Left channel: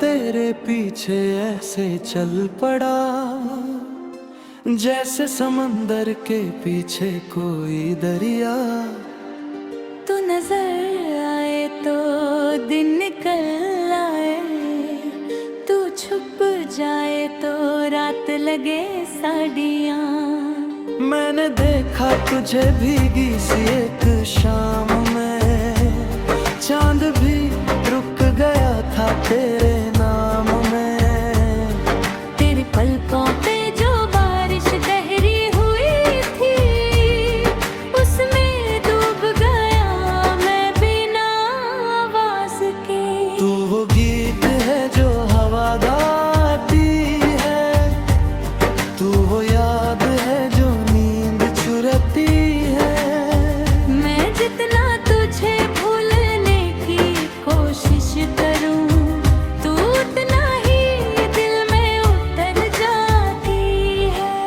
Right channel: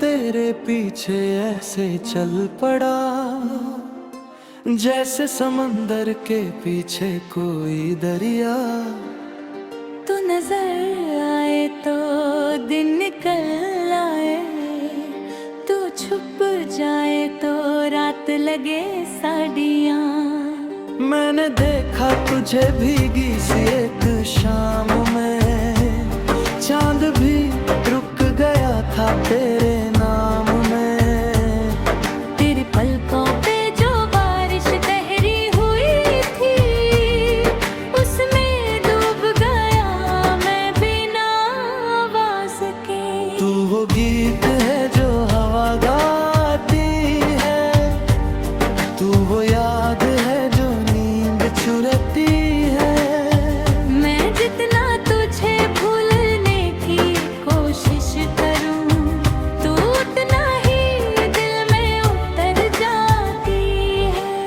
तेरे पीछे ऐसे चल पड़ा, जैसे समंदर के पीछे कोई दरिया। तू नजर आए तो दिन निकल आए, तू छुप जाए तो रात लगे साड़ियाँ। मैंने देखा तुझे भीगी सी एक शाम में, चांद भी रुक गया था तेरे नाम में। तेरे पलकों पे जो बारिश गहरी हुई थी, उसमें डूब गया मैं बिना आवाज के। तू वो गीत है जो हवा गाती है, तू वो याद है जो नींद चुराती है। मैं जितना तुझे भूलने की कोशिश करूं, तू उतना ही दिल में उतर जाती है।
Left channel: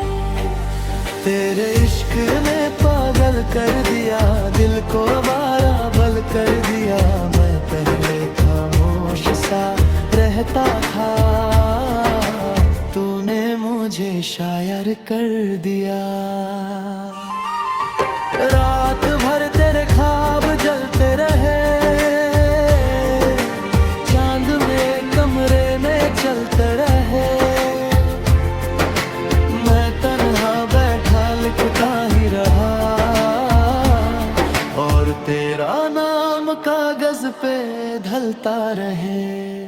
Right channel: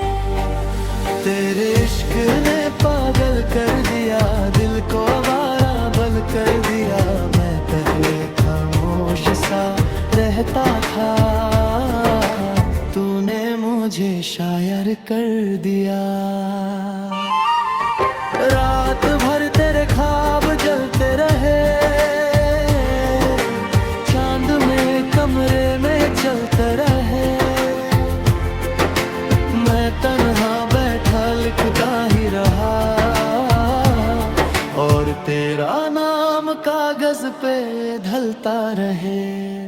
तेरे इश्क ने पागल कर दिया, दिल को आवारा बल कर दिया। मैं पहले खामोश सा रहता था, तूने मुझे शायर कर दिया। रात भर तेरे ख्वाब जलते रहे, चांद में कमरे में चलते रहे। मैं तन्हा बैठा लिखता ही रहा, और तेरा नाम कागज पे ढलता रहे।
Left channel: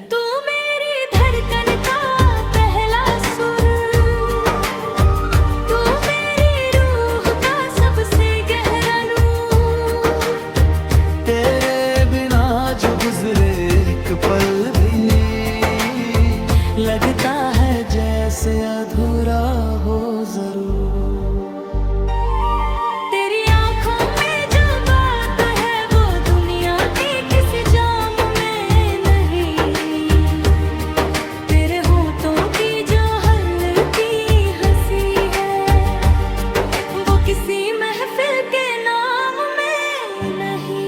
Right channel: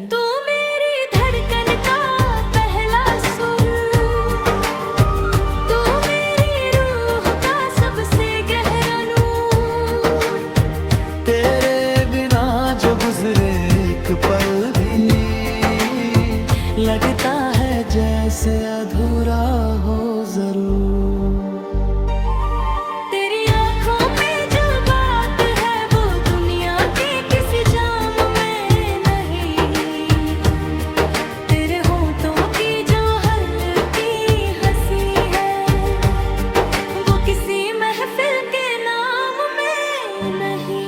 तू मेरी धड़कन का पहला सुर, तू मेरी रूह का सबसे गहरा नूर। तेरे बिना जो गुजरे एक पल भी, लगता है जैसे अधूरा हो जरूर। तेरी आंखों में जो बात है वो दुनिया के किसी जाम में नहीं। तेरे होठों की जो हल्की हंसी है, वो किसी महफिल के नाम में नहीं।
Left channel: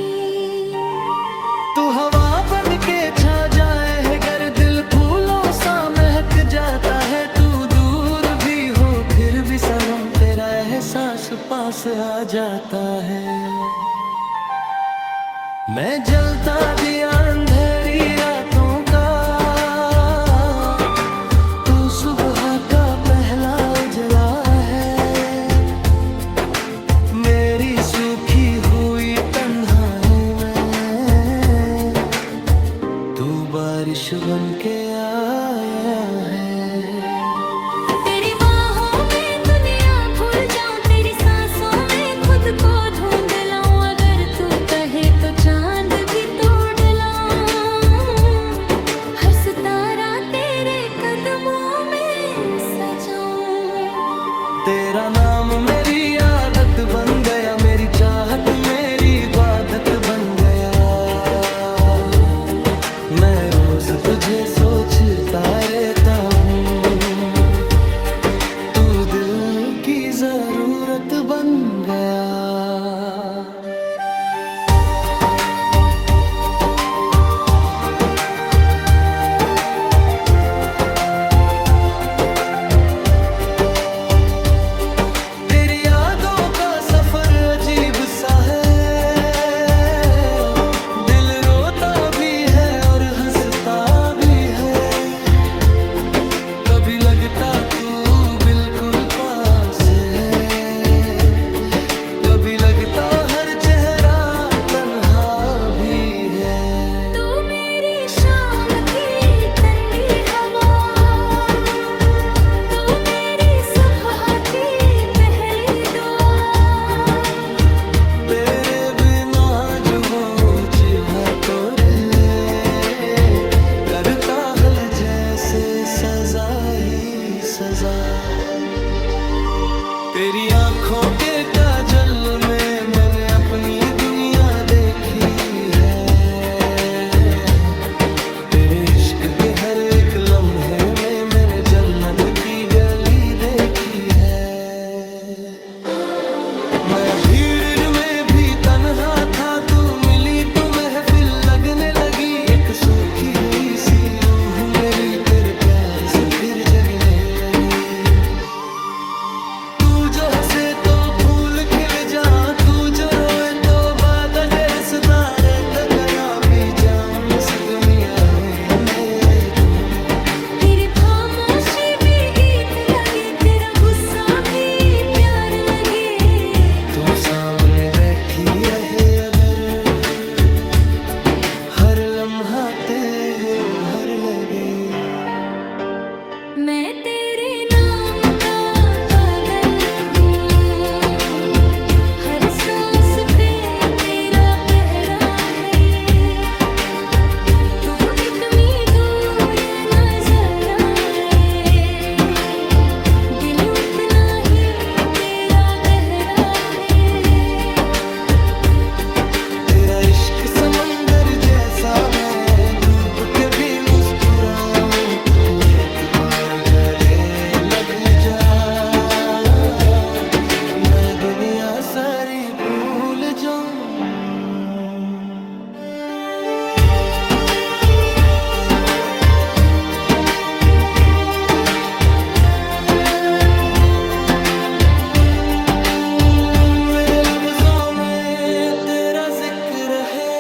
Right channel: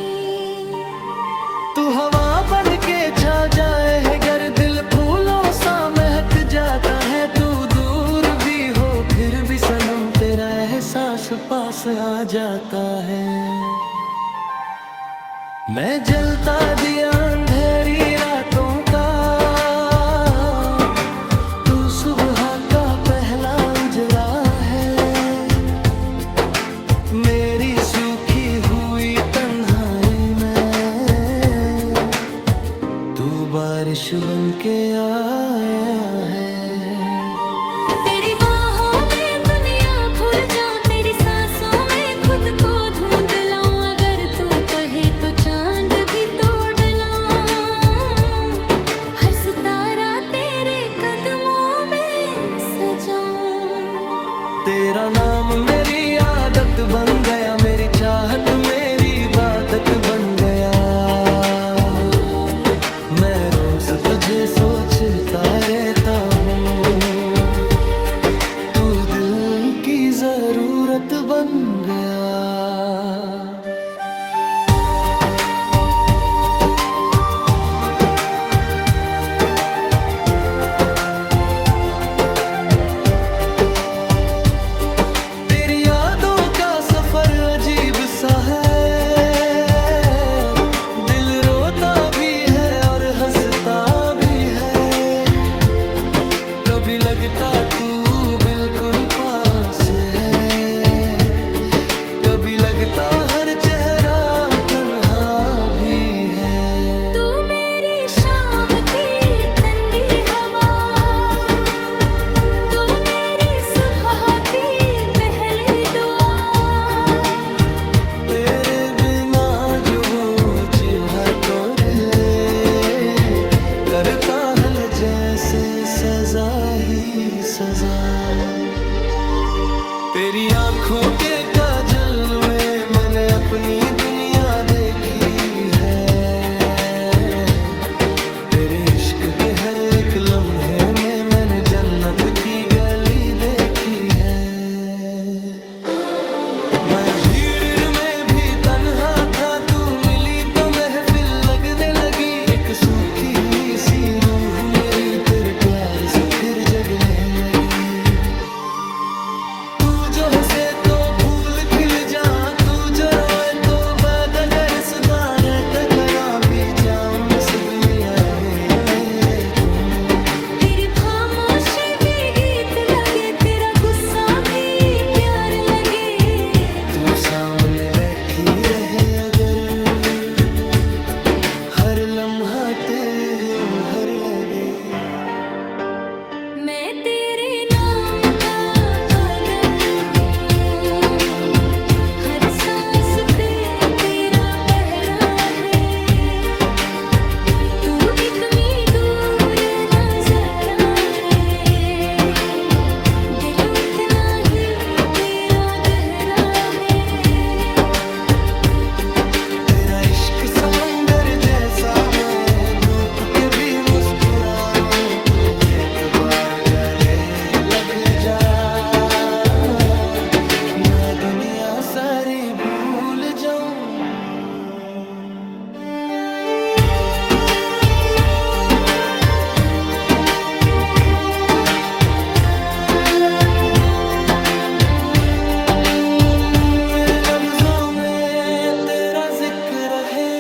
तू हवा बन के छा जाए है गर, दिल फूलों सा महक जाता है। तू दूर भी हो फिर भी सनम, तेरा एहसास पास आ जाता है। मैं जलता दिया अंधेरी रातों का, तू सुबह का पहला उजला है। मेरी सूखी हुई तन्हाई में तू बारिश बन के आया है। तेरी बाहों में दुनिया भूल जाऊं, तेरी सांसों में खुद को ढूंढ लाऊं। अगर तू कहे तो चांद भी तोड़ लाऊं, हर सितारा तेरे कदमों में सजाऊं। तेरा नाम मेरी आदत बन गया, मेरी चाहत मेरी इबादत बन गया। मैं रोज तुझे सोचता रहता हूँ, तू दिल की जरूरत बन गया। तेरी यादों का सफर अजीब सा है, दिल रोता भी है और हंसता भी है। कभी लगता तू बिल्कुल पास है, कभी लगता हर चेहरा तन्हा भी है। तू मेरी शाम की ठंडी हवा, तू मेरी सुबह की पहली दुआ। तेरे बिना जो जीवा तोरे करता है जैसे सजा ही सजा। तेरी आंखों के काजल में मैंने अपनी दुनिया देखी है। तेरे इश्क के हर एक लम्हे में मैंने जन्नत की गली देखी है। मैं भीड़ में भी तन्हा था, तू मिली तो महफिल लगने लगी। एक एक सूखी हुई सी रूह मेरी तेरे प्यार से फिर जगने लगी। तू जो हंसे तो फूल खिल जा, तू जो रोए तो बाद अगर सुधारे तकरा भी जाऊं सुगमिया मेरे तुम। तेरी खामोशी भी गीत लगे, तेरा गुस्सा भी प्यार लगे। तू सामने बैठी रहे अगर हर लम्हा तेरे हर लगे। मैं तेरे नाम का पागल हूँ, हर सांस पे तेरा पहरा है। तू इतनी दूर नजर आए, दिल उतना ही तेरा गहरा है। तेरा इश्क समंदर जैसा मैं डूब के भी मुस्कुराऊं। तू एक बार गले लग जा, मैं दुनिया सारी भूल जाऊं। मेरे लफ्जों में तेरा जिक्र है,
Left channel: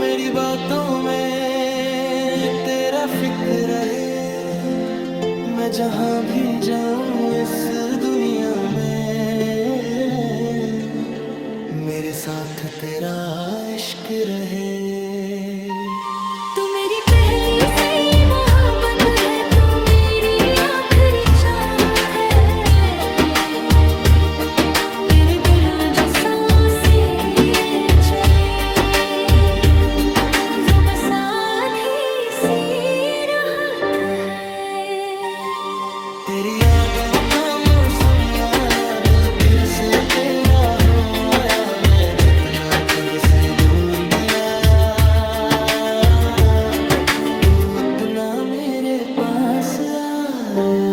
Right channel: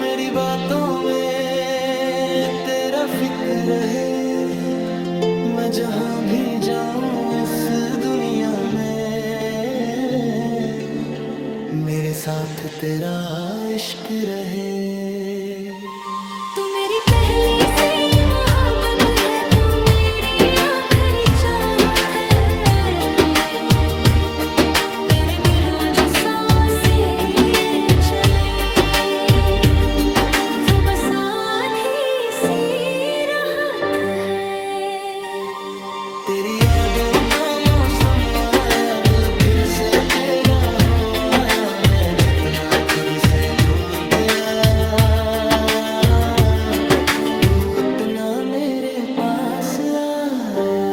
मेरी बातों में तेरा फिक्र है। मैं जहां भी जाऊं इस दुनिया में, मेरे साथ तेरा इश्क रहे। तू मेरी पहली सी मोहब्बत है, तू मेरी आखिरी चाहत है। तेरे बिना जो सांसें चले, वो बस आधी सी राहत है। तेरी यादों का मौसम आया, दिल फिर से तेरा हो आया। मैं जितना खुद से दूर गया, तू उतना मेरे पास आया।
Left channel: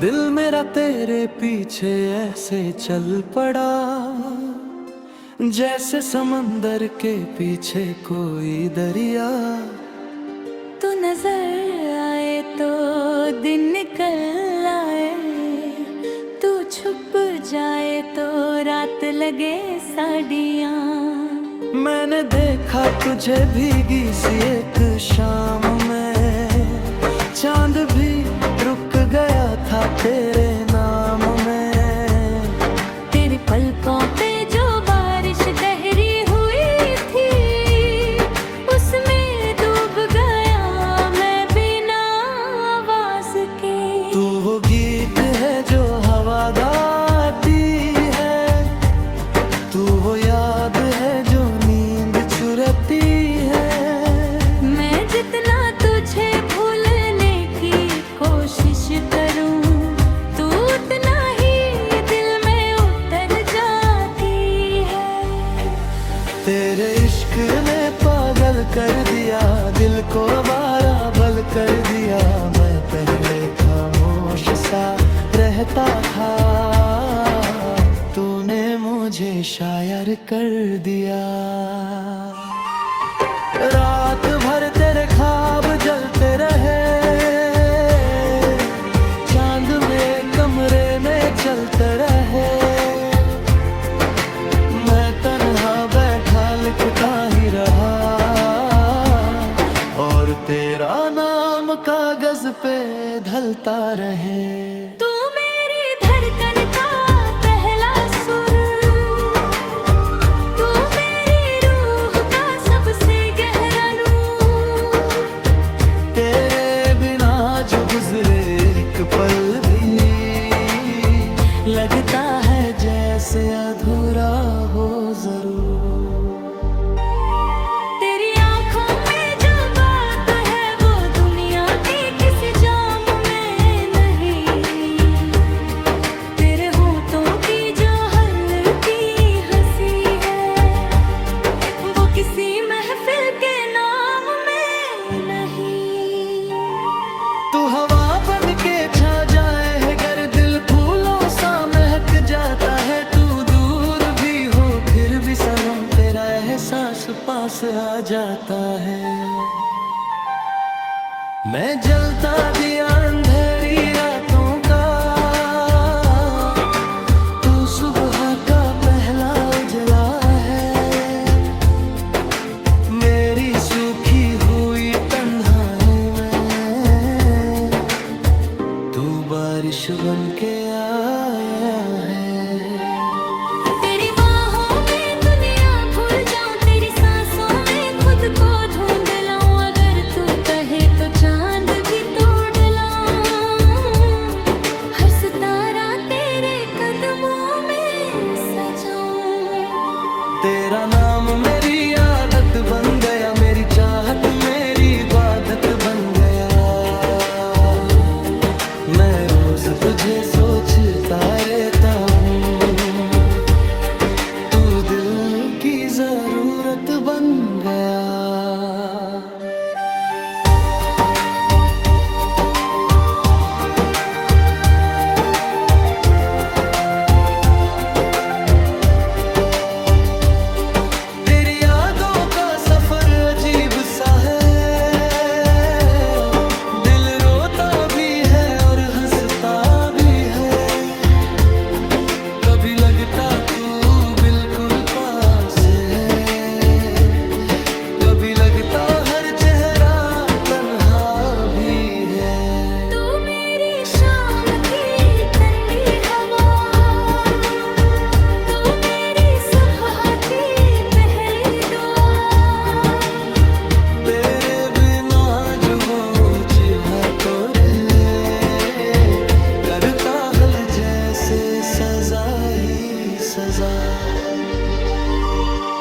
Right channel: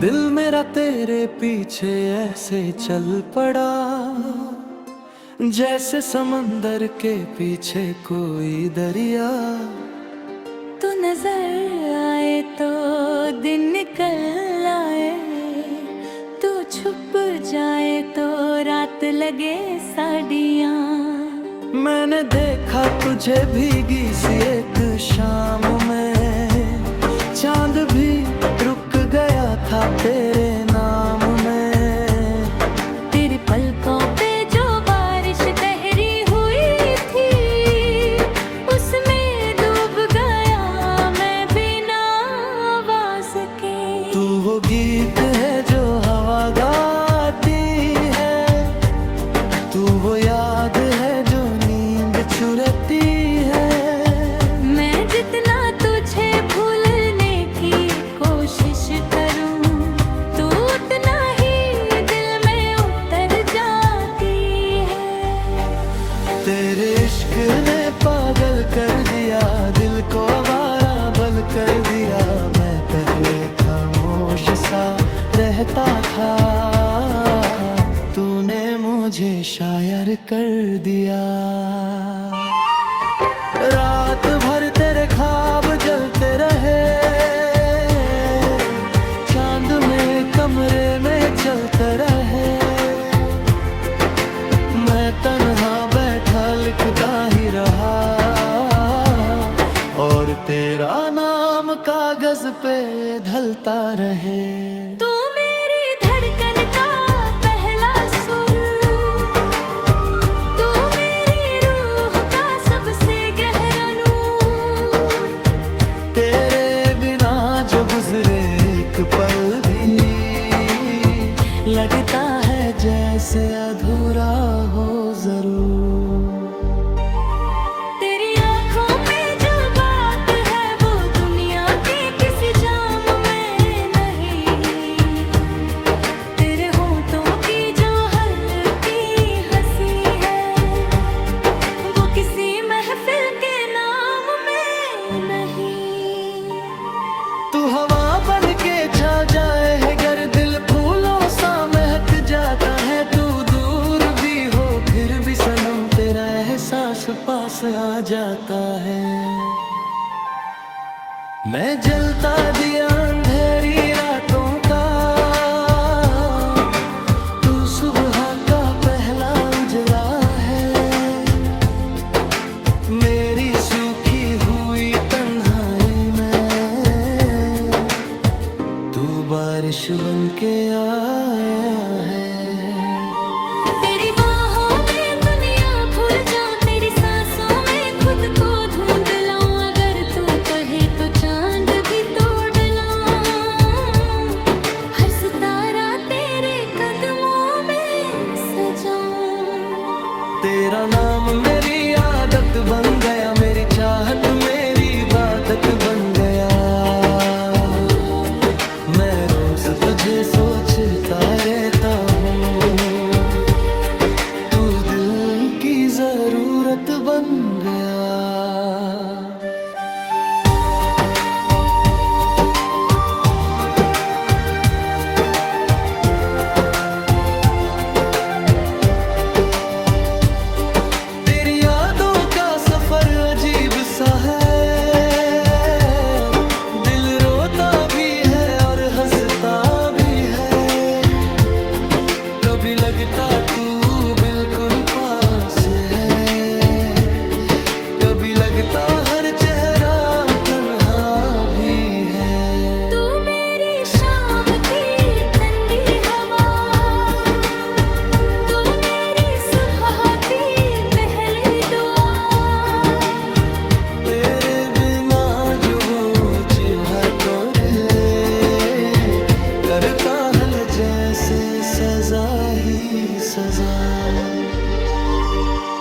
दिल मेरा तेरे पीछे ऐसे चल पड़ा, जैसे समंदर के पीछे कोई दरिया। तू नजर आए तो दिन निकल आए, तू छुप जाए तो रात लगे साड़ियाँ। मैंने देखा तुझे भीगी सी एक शाम में, चांद भी रुक गया था तेरे नाम में। तेरे पलकों पे जो बारिश गहरी हुई थी, उसमें डूब गया मैं बिना आवाज के। तू वो गीत है जो हवा गाती है, तू वो याद है जो नींद चुराती है। मैं जितना तुझे भूलने की कोशिश करूं, तू उतना ही दिल में उतर जाती है। तेरे इश्क ने पागल कर दिया, दिल को आवारा बल कर दिया। मैं पहले खामोश सा रहता था, तूने मुझे शायर कर दिया। रात भर तेरे ख्वाब जलते रहे, चांद में कमरे में चलते रहे। मैं तन्हा बैठा लिखता ही रहा, और तेरा नाम कागज पे ढलता रहे। तू मेरी धड़कन का पहला सुर, तू मेरी रूह का सबसे गहरा नूर। तेरे बिना जो गुजरे पल भी लगता है जैसे अधूरा हो जरूर। तेरी आंखों में जो बात है वो दुनिया के किसी जाम में नहीं। तेरे होठों की जो हल्की हंसी है वो किसी महफिल के नाम में नहीं। तू हवा बन के छा जाए है गर दिल फूलों सा महक जाता है। तू दूर भी हो फिर भी सनम तेरा एहसास पास आ जाता है। मैं जलता दिया अंधेरी रातों का, तू सुबह का पहला उजला है। मेरी सूखी हुई तन्हाई में तू बारिश बन के आया है। तेरी बाहों में दुनिया भूल जाऊं, तेरी सांसों में खुद को ढूंढ लाऊं। अगर तू कहे तो चांद भी तोड़ लाऊं। हर सितारा तेरे कदमों में सजाऊं। तेरा नाम मेरी आदत बन गया, मेरी चाहत मेरी इबादत बन गया। मैं रोज तुझे सोचता रहता हूँ, तू दिल की जरूरत बन गया। तेरी यादों का सफर अजीब सा है, दिल रोता भी है और हंसता भी है। कभी लगता तू बिल्कुल पास है, कभी लगता हर चेहरा तन्हा भी है। तू मेरी शाम की ठंडी हवा, तू मेरी सुबह की पहली दुआ। तेरे बिना जो वो जीवा तोड़े करता है जैसे सजा ही सजा।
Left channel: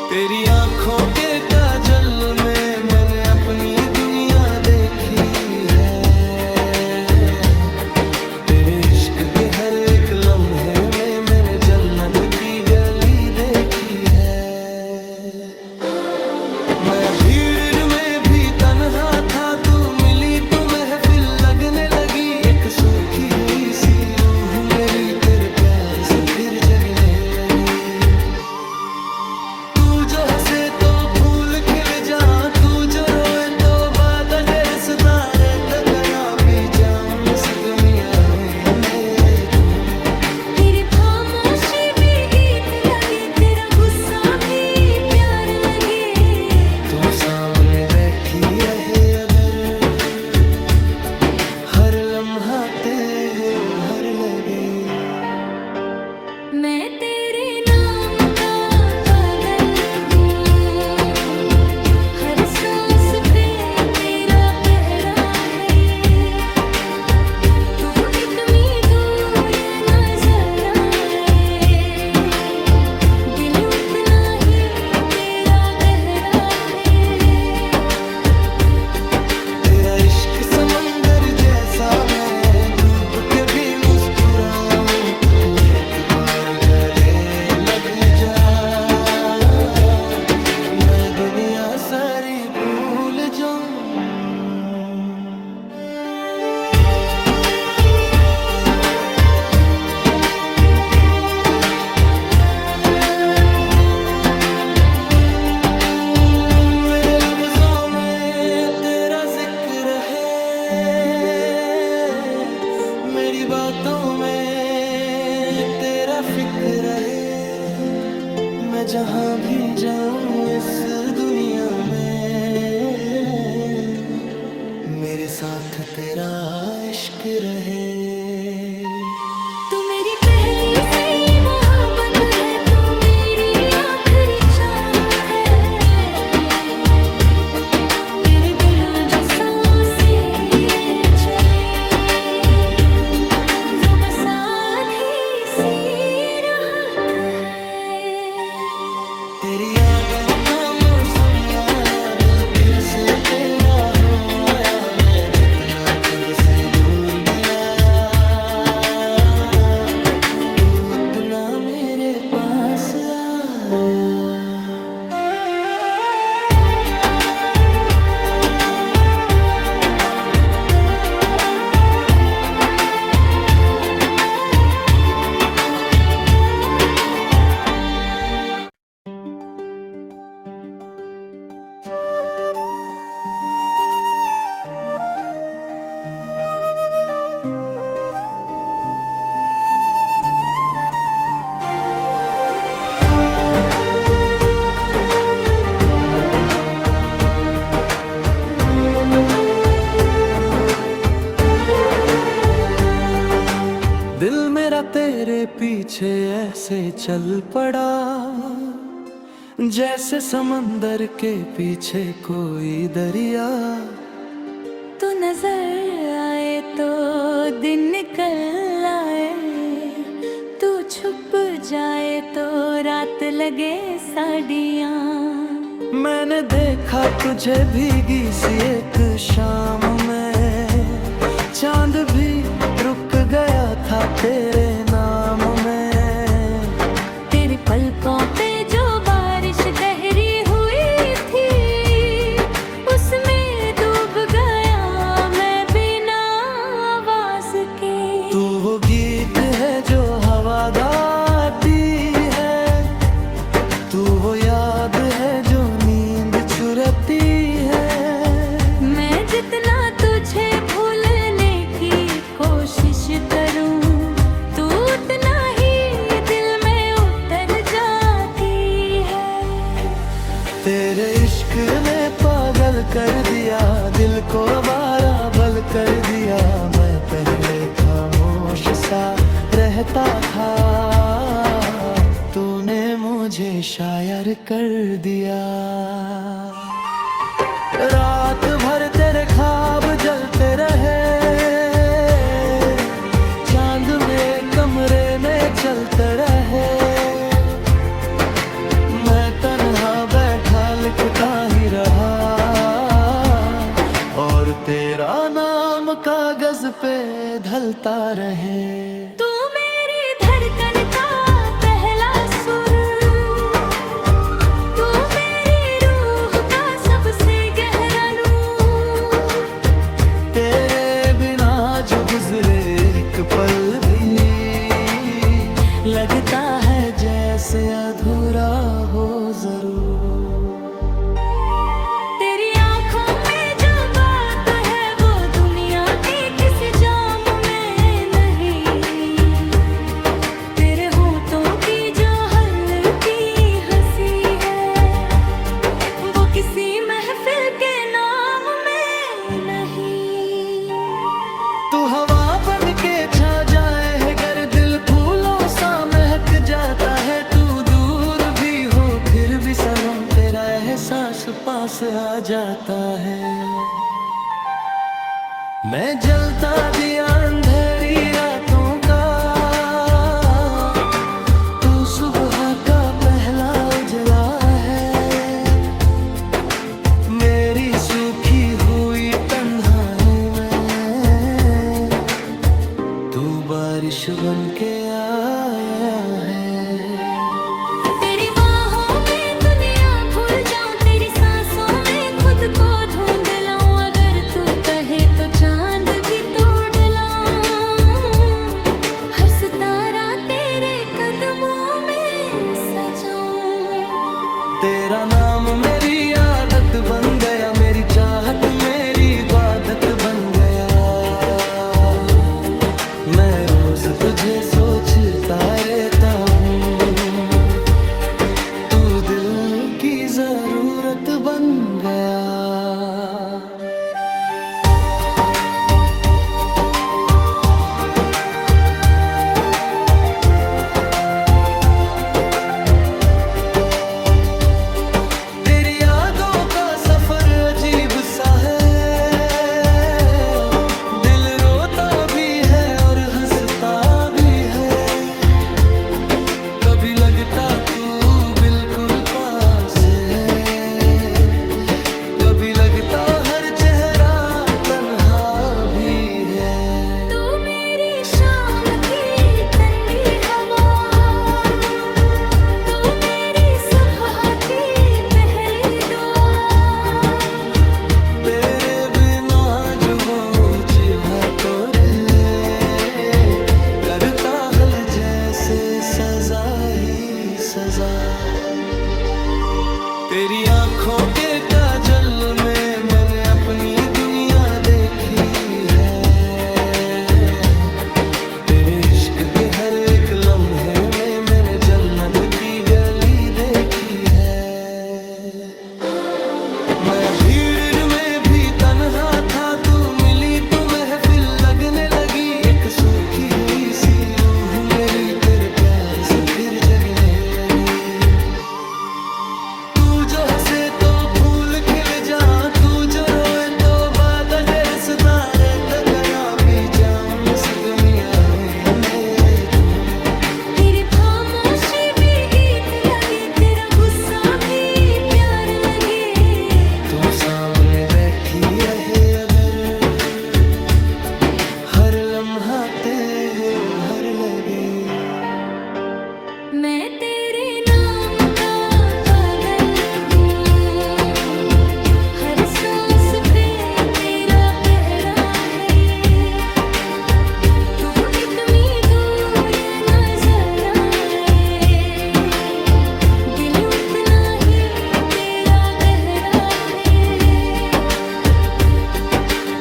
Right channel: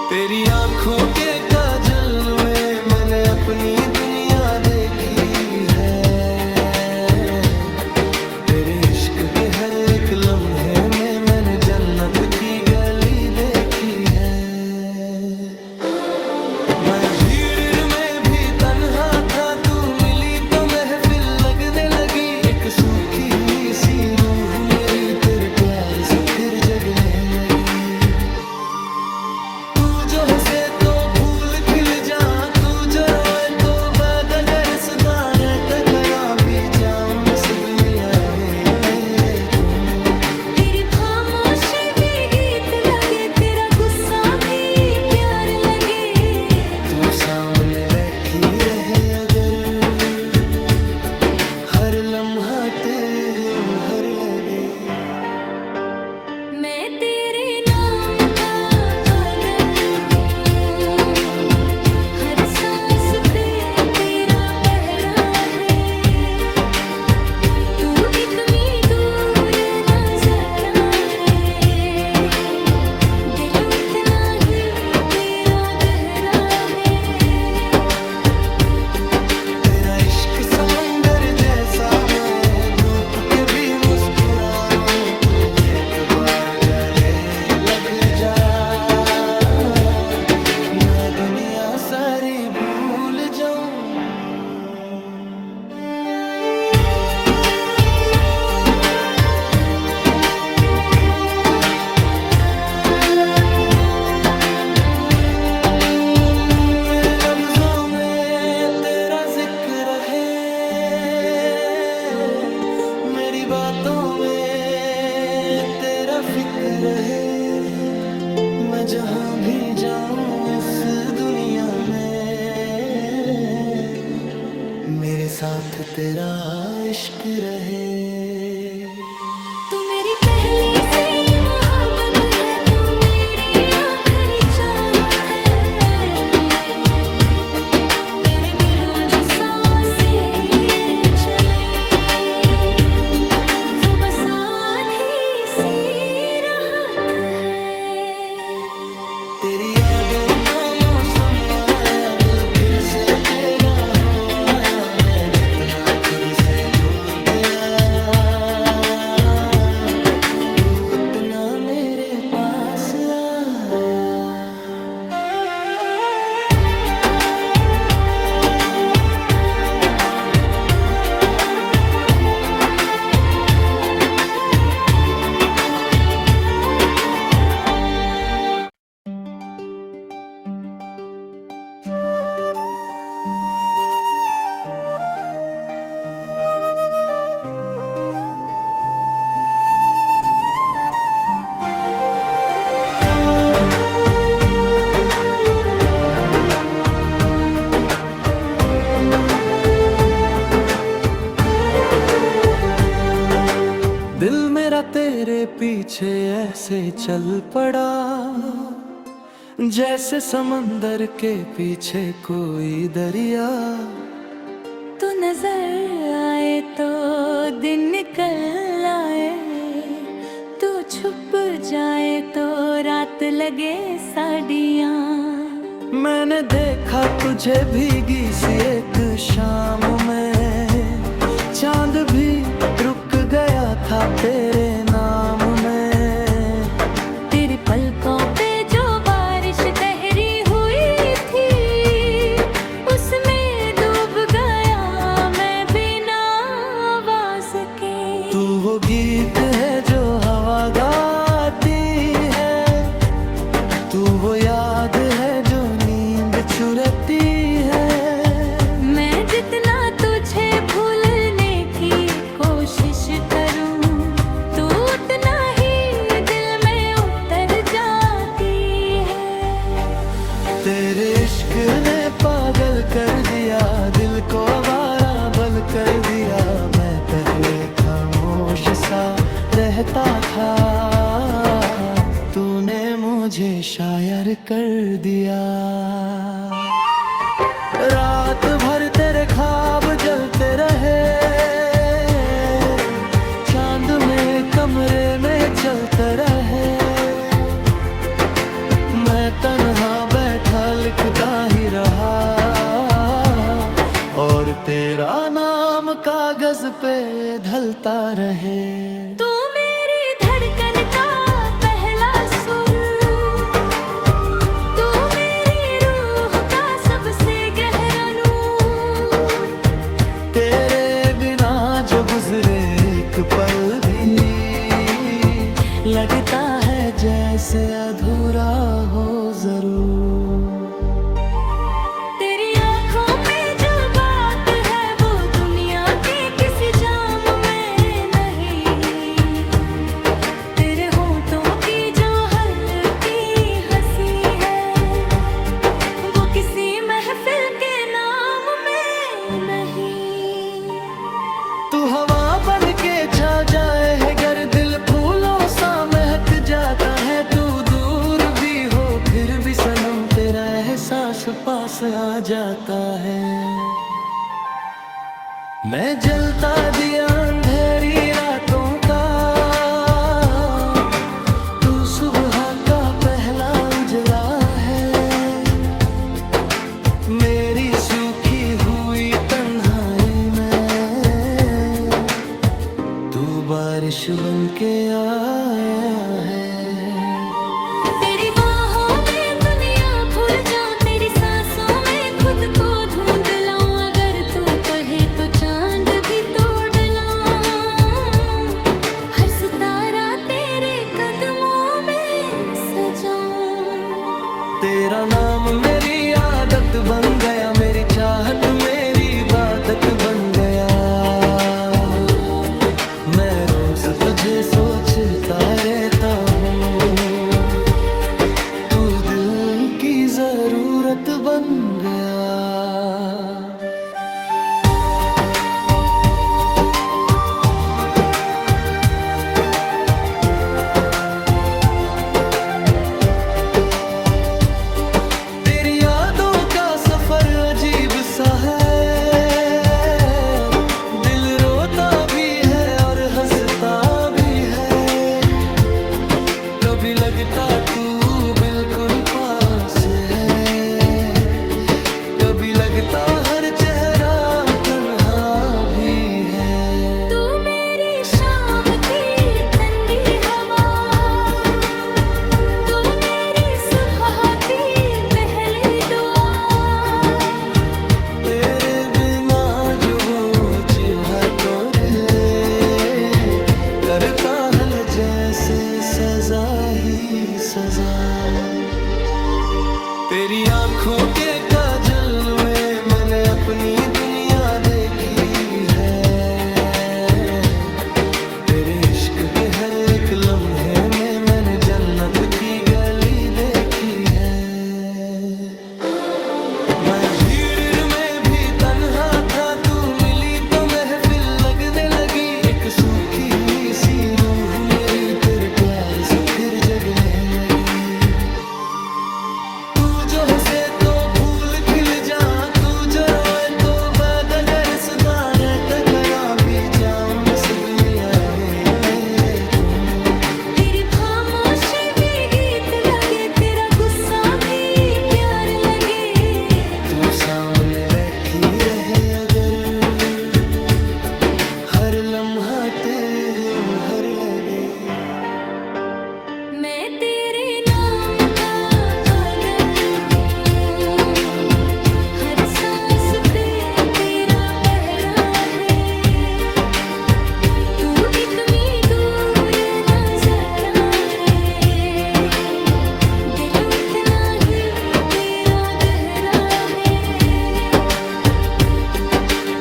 तेरी आंखों के काजल में मैंने अपनी दुनिया देखी है। तेरे इश्क के हर एक लम्हे में मैंने जन्नत की गली देखी है। मैं भीड़ में भी तन्हा था, तू मिली तो महफिल लगने लगी। एक सूखी हुई सी रूह मेरी तेरे प्यार से फिर जगने लगी। तू जो हंसे तो फूल खिल जा, तू जो रोए तो बात अगर सुधारे। कतरा भी जाऊं इस दुनिया में मेरे तुम। तेरी खामोशी भी गीत लगे, तेरा गुस्सा भी प्यार लगे। तू सामने बैठी रहे अगर हर लम्हा तेरे हर लगे। मैं तेरे नाम का पागल हूँ, हर सांस पे तेरा पहरा है। तू इतनी दूर नजर आए, दिल उतना ही तेरा गहरा है। तेरा इश्क समंदर जैसा मैं डूब के भी मुस्कुराऊं। तू एक बार गले लग जा, मैं दुनिया सारी भूल जाऊं। मेरे लफ्जों में तेरा जिक्र है, मेरी बातों में तेरा फिक्र है। मैं जहाँ भी जाऊं इस दुनिया में मेरे साथ तेरा इश्क रहे। तू मेरी पहली सी मोहब्बत है, तू मेरी आखिरी चाहत है। तेरे बिना जो सांसें चले तेरी यादों का मौसम आया, दिल फिर से तेरा हो आया। मैं जितना खुद से दूर गया, तू उतना मेरे पास आया। दिल मेरा तेरे पीछे ऐसे चल पड़ा, जैसे समंदर के पीछे कोई दरिया। तू नजर आए तो दिन निकल आए, तू छुप जाए तो रात लगे साड़ियाँ। मैंने देखा तुझे भीगी सी एक शाम में, चांद भी रुक गया था तेरे नाम में। तेरे पलकों पे जो बारिश गहरी हुई थी, उसमें डूब गया मैं बिना आवाज के। तू वो गीत है जो हवा गाती है, तू वो याद है जो नींद चुराती है। मैं जितना तुझे भूलने की कोशिश करूं, तू उतना ही दिल में उतर जाती है। तेरे इश्क ने पागल कर दिया, दिल को आवारा बल कर दिया। मैं पहले खामोश सा रहता था, तूने मुझे शायर कर दिया। रात भर तेरे ख्वाब जलते रहे, चांद में कमरे में चलते रहे। मैं तन्हा बैठा लिखता ही रहा, और तेरा नाम कागज पे ढलता रहे। तू मेरी धड़कन का पहला सुर, तू मेरी रूह का सबसे गहरा नूर। तेरे बिना जो गुजरे एक पल भी, लगता है जैसे अधूरा हो जरूर। तेरी आंखों में जो बात है वो दुनिया के किसी जाम में नहीं। तेरे होठों की जो हल्की हंसी है, वो किसी महफिल के नाम में नहीं। तू हवा बन के छा जाए है गर, दिल फूलों सा महक जाता है। तू दूर भी हो फिर भी सनम, तेरा एहसास पास आ जाता है। मैं जलता दिया अंधेरी रातों का, तू सुबह का पहला उजला है। मेरी सूखी हुई तन्हाई में तू बारिश बन के आया है। तेरी बाहों में दुनिया भूल जाऊं, तेरी सांसों में खुद को ढूंढ लाऊं। अगर तू कहे तो चांद भी तोड़ लाऊं, हर सितारा तेरे कदमों में सजाऊं। तेरा नाम मेरी आदत बन गया, मेरी चाहत मेरी इबादत बन गया। मैं रोज तुझे सोचता रहता हूँ, तू दिल की जरूरत बन गया। तेरी यादों का सफर अजीब सा है, दिल रोता भी है और हंसता भी है। कभी लगता तू बिल्कुल पास है, कभी लगता हर चेहरा तन्हा भी है। तू मेरी शाम की ठंडी हवा, तू मेरी सुबह की पहली दुआ, तेरे बिना जो जीवा तोड़े करता है जैसे सजा ही सजा। तेरी आंखों के काजल में मैंने अपनी दुनिया देखी है, तेरे इश्क के हर एक लम्हे में मैंने जन्नत की गली देखी है। मैं भीड़ में भी तन्हा था, तू मिली तो महफिल लगने लगी। एक सूखी हुई सी रूह मेरी तेरे प्यार से फिर जगने लगी। तू जो हंसे तो फूल खिल जा, तू जो रोए तो बाद अगर सुधारे तकरा भी जाऊं मुस्कुमिया में तुम। तेरी खामोशी भी गीत लगे, तेरा गुस्सा भी प्यार लगे। तू सामने बैठी रहे अगर हर लम्हा तेरे हर लगे। मैं तेरे नाम का पागल हूँ, हर सांस पे तेरा पहरा है। तू इतनी दूर नजर आए, दिल उतना ही तेरा गहरा है।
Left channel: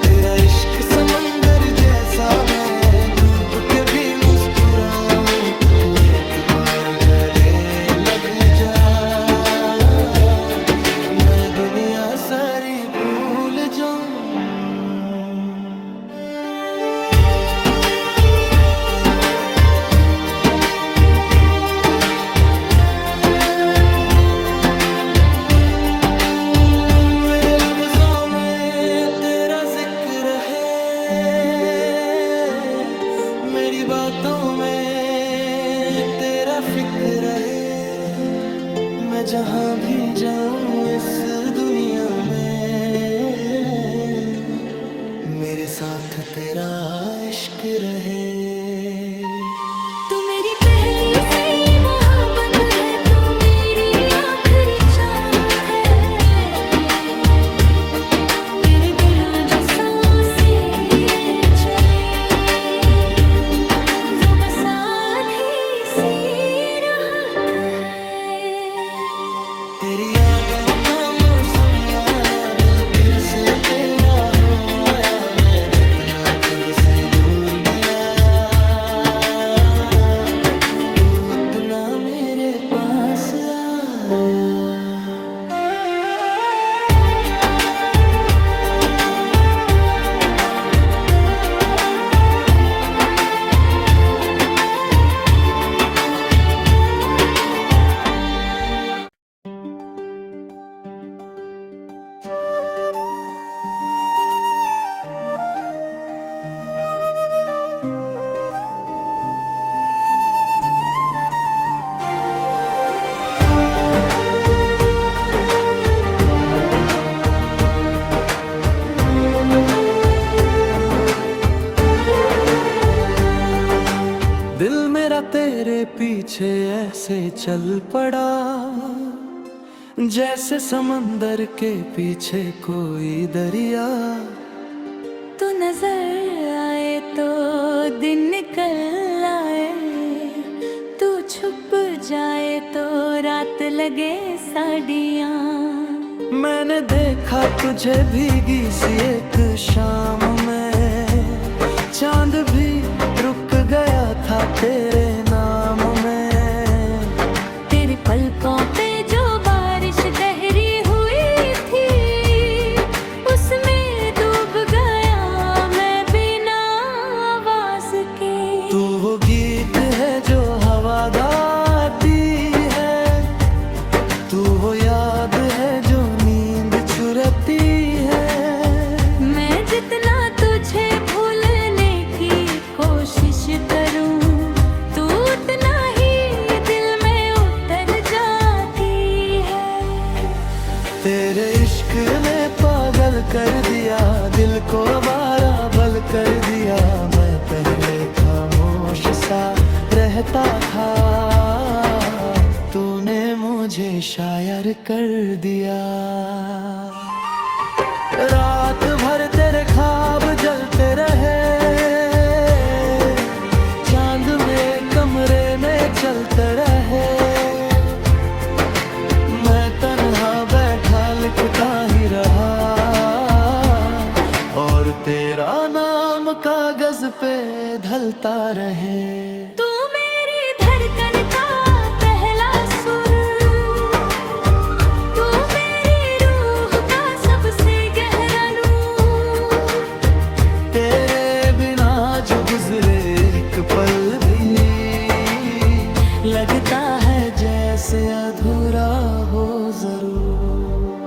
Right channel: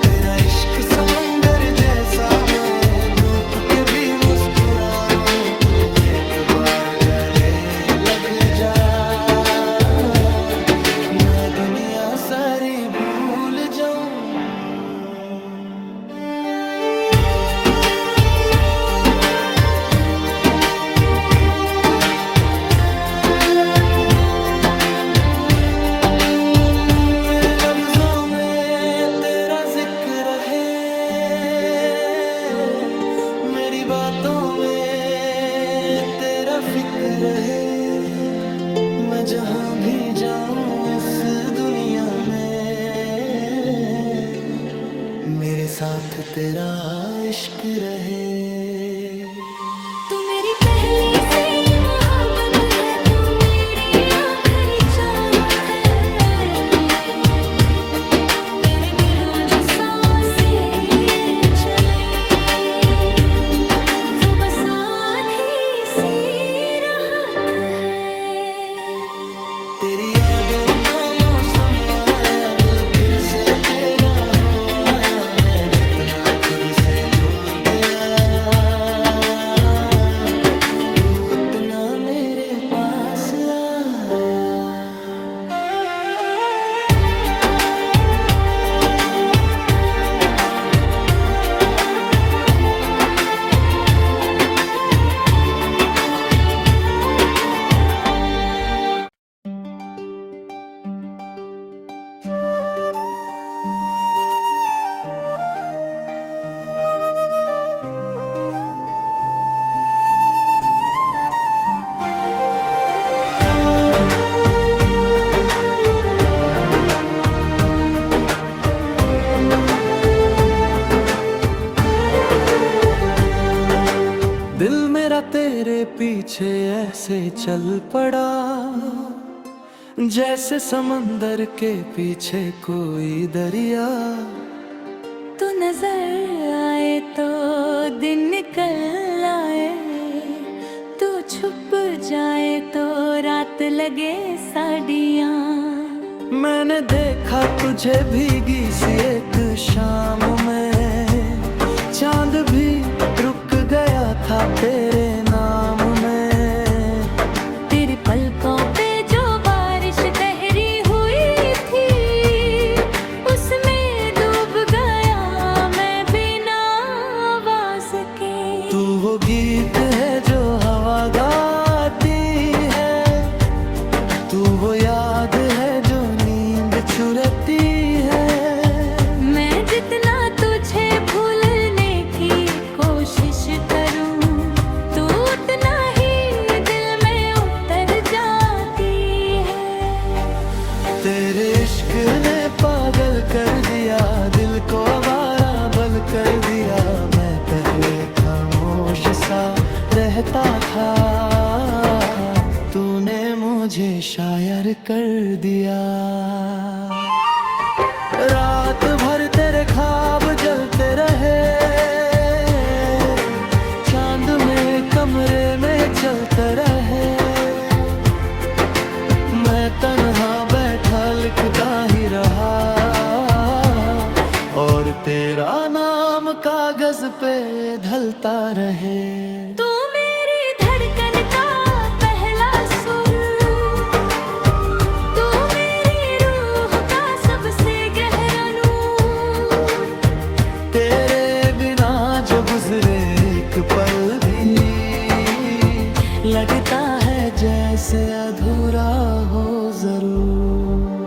तेरा इश्क समंदर जैसा, मैं डूब के भी मुस्कुराऊं। तू एक बार गले लग जा, मैं दुनिया सारी भूल जाऊं। मेरे लफ्जों में तेरा जिक्र है, मेरी बातों में तेरा फिक्र है। मैं जहाँ भी जाऊं इस दुनिया में, मेरे साथ तेरा इश्क रहे। तू मेरी पहली सी मोहब्बत है, तू मेरी आखिरी चाहत है। तेरे बिना जो सांसें चले, वो बस आधी सी राहत है। तेरी यादों का मौसम आया, दिल फिर से तेरा हो आया। मैं जितना खुद से दूर गया, तू उतना मेरे पास आया। दिल मेरा तेरे पीछे ऐसे चल पड़ा, जैसे समंदर के पीछे कोई दरिया। तू नजर आए तो दिन निकल आए, तू छुप जाए तो रात लगे साड़ियाँ। मैंने देखा तुझे भीगी सी एक शाम में, चांद भी रुक गया था तेरे नाम में। तेरे पलकों पे जो बारिश गहरी हुई थी, उसमें डूब गया मैं बिना आवाज के। तू वो गीत है जो हवा गाती है, तू वो याद है जो नींद चुराती है। मैं जितना तुझे भूलने की कोशिश करूं, तू उतना ही दिल में तेरे इश्क ने पागल कर दिया, दिल को आवारा बल कर दिया। मैं पहले खामोश सा रहता था, तूने मुझे शायर कर दिया। रात भर तेरे ख्वाब जलते रहे, चांद में कमरे में चलते रहे। मैं तन्हा बैठा लिखता ही रहा, और तेरा नाम कागज पे ढलता रहे। तू मेरी धड़कन का पहला सुर, तू मेरी रूह का सबसे गहरा नूर। तेरे बिना जो गुजरे एक पल भी, लगता है जैसे अधूरा हो जरूर।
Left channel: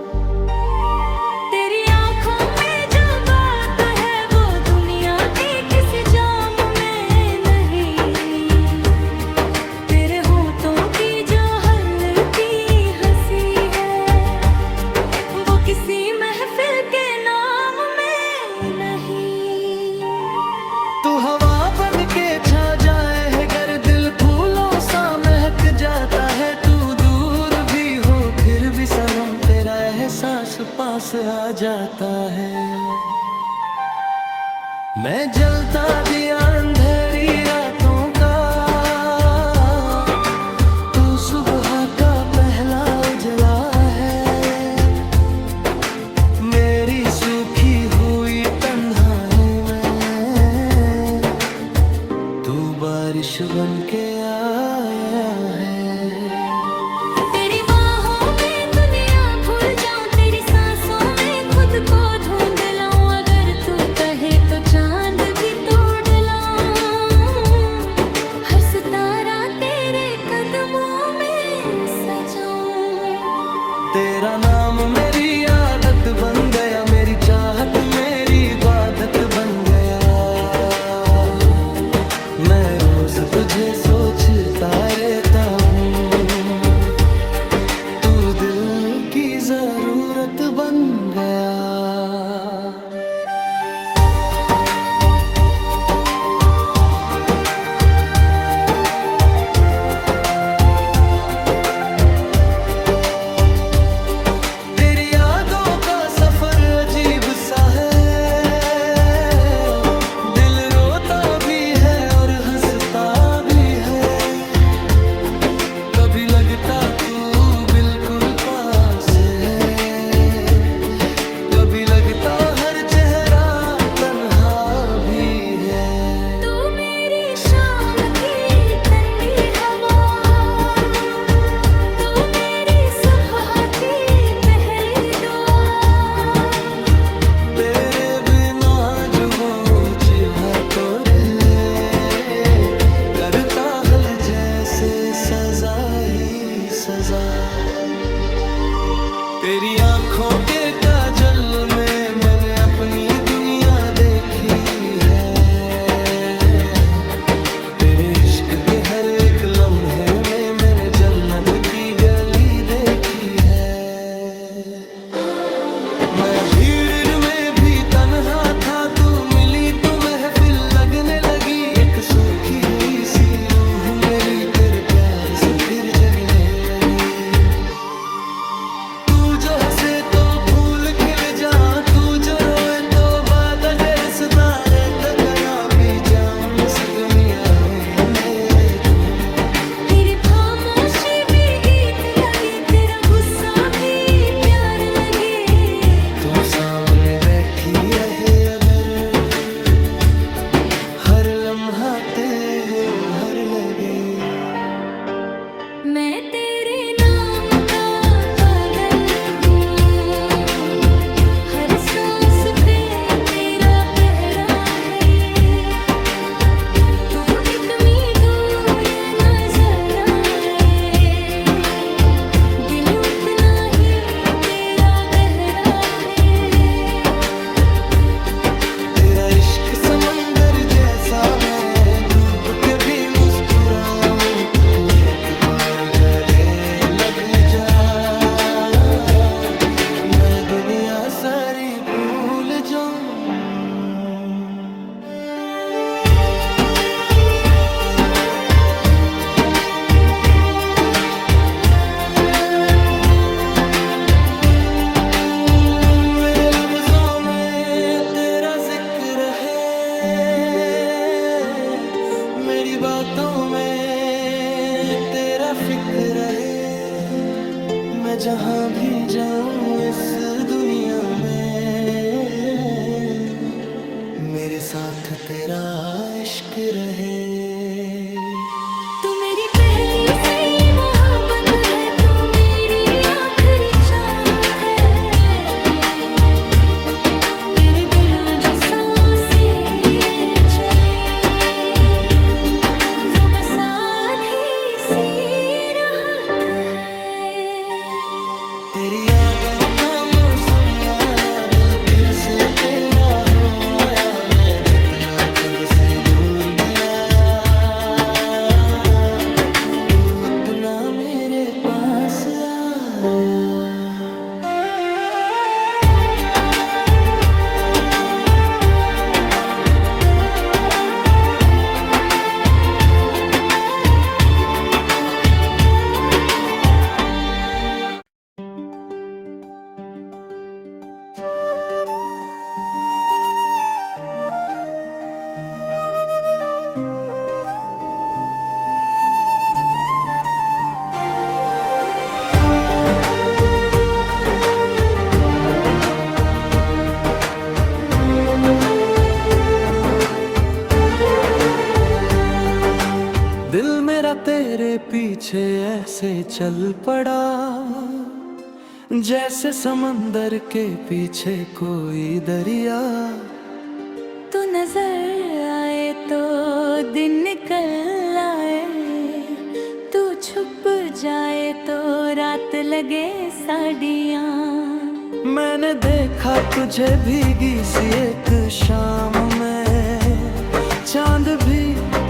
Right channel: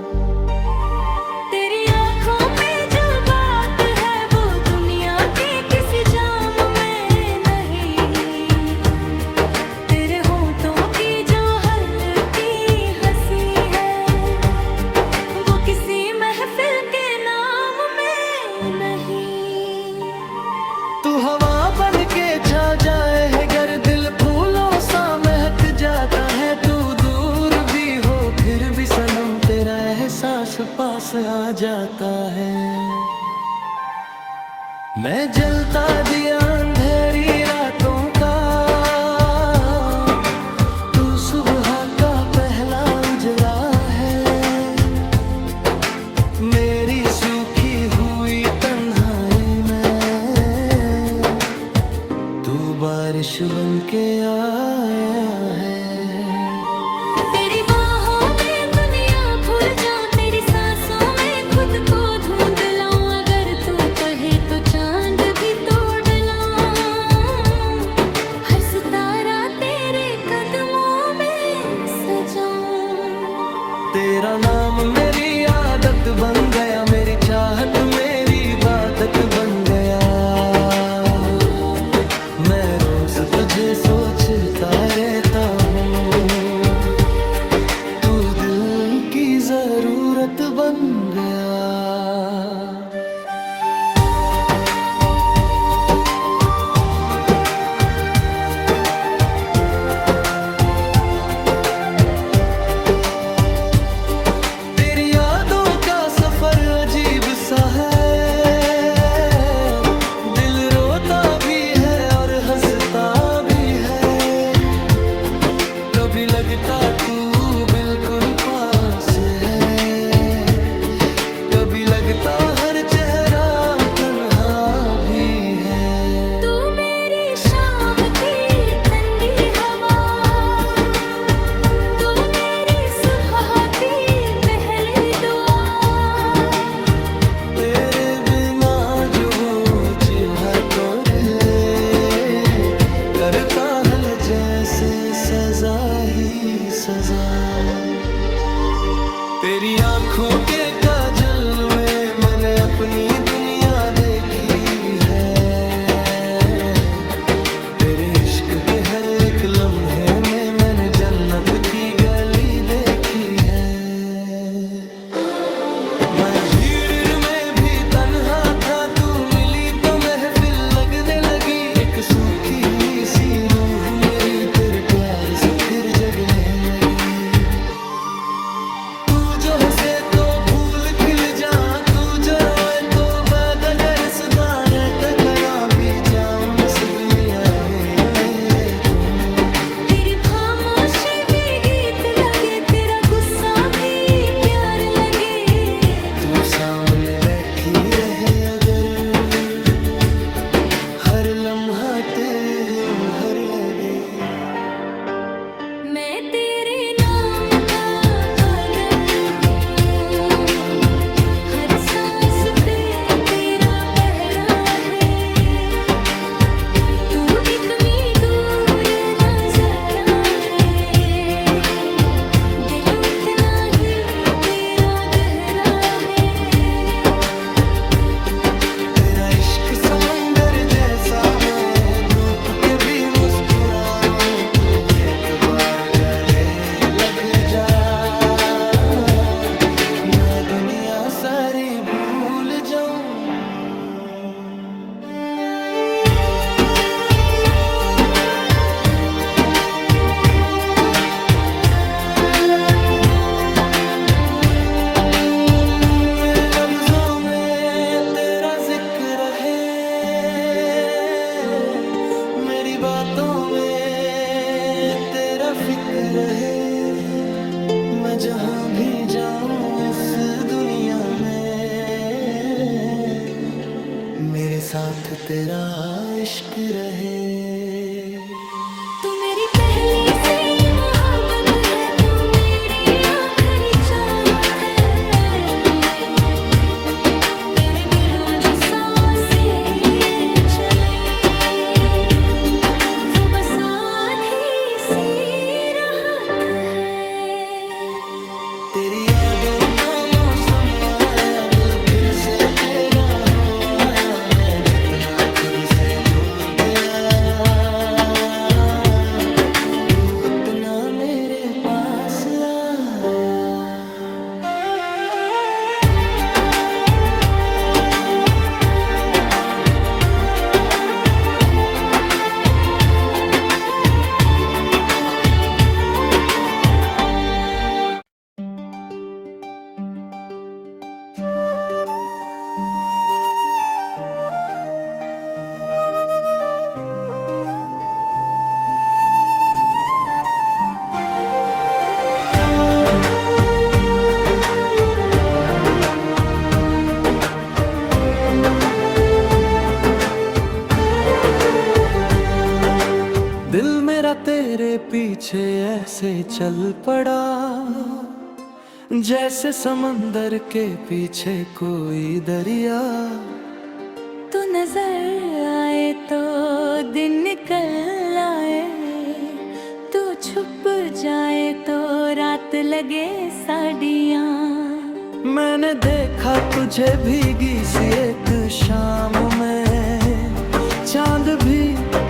तेरी आंखों में जो बात है वो दुनिया के किसी जाम में नहीं। तेरे होठों की जो हल्की हंसी है, वो किसी महफिल के नाम में नहीं। तू हवा बन के छा जाए है गर, दिल फूलों सा महक जाता है। तू दूर भी हो फिर भी सनम, तेरा एहसास पास आ जाता है। मैं जलता दिया अंधेरी रातों का, तू सुबह का पहला उजला है। मेरी सूखी हुई तन्हाई में तू बारिश बन के आया है। तेरी बाहों में दुनिया भूल जाऊं, तेरी सांसों में खुद को ढूंढ लाऊं। अगर तू कहे तो चांद भी तोड़ लाऊं, हर सितारा तेरे कदमों में सजाऊं। तेरा नाम मेरी आदत बन गया, मेरी चाहत मेरी इबादत बन गया। मैं रोज तुझे सोचता रहता हूँ, तू दिल की जरूरत बन गया। तेरी यादों का सफर अजीब सा है, दिल रोता भी है और हंसता भी है। कभी लगता तू बिल्कुल पास है, कभी लगता हर चेहरा तन्हा भी है। तू मेरी शाम की ठंडी हवा, तू मेरी सुबह की पहली दुआ। तेरे बिना जो जीवा तोड़े, करता है जैसे सजा ही सजा। तेरी आंखों के काजल में मैंने अपनी दुनिया देखी है। तेरे इश्क के हर एक लम्हे में मैंने जन्नत की गली देखी है। मैं भीड़ में भी तन्हा था, तू मिली तो महफिल लगने लगी। एक सूखी हुई सी रूह मेरी तेरे प्यार से फिर जगने लगी। तू जो हंसे तो फूल खिल जा, तू जो रोए तो बाद अगर सुधारे तकरा भी जाऊं मुस्कुमिया में मेरे तुम। तेरी खामोशी भी गीत लगे, तेरा गुस्सा भी प्यार लगे। तू सामने बैठी रहे अगर, हर लम्हा तेरे हर लगे। मैं तेरे नाम का पागल हूँ, हर सांस पे तेरा पहरा है। तू इतनी दूर नजर आए, दिल उतना ही तेरा गहरा है। तेरा इश्क समंदर जैसा, मैं डूब के भी मुस्कुराऊं। तू एक बार गले लग जा, मैं दुनिया सारी भूल जाऊं। मेरे लफ्जों में तेरा जिक्र रहे, मेरी बातों में तेरा फिक्र रहे। मैं जहाँ भी जाऊं इस दुनिया में, मेरे साथ तेरा इश्क रहे। तू मेरी पहली सी मोहब्बत है, तू मेरी आखिरी चाहत है। तेरे बिना जो सांसें चले, वो बस आधी सी राहत है। तेरी यादों का मौसम आया, दिल फिर से तेरा हो आया। मैं जितना खुद से दूर गया, तू उतना मेरे पास आया। दिल मेरा तेरे पीछे ऐसे चल पड़ा, जैसे समंदर के पीछे कोई दरिया। तू नजर आए तो दिन निकल आए, तू छुप जाए तो रात लगे साड़ियाँ। मैंने देखा तुझे भीगी सी एक शाम में, चांद भी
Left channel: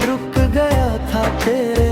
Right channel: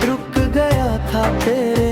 रुक गया था तेरे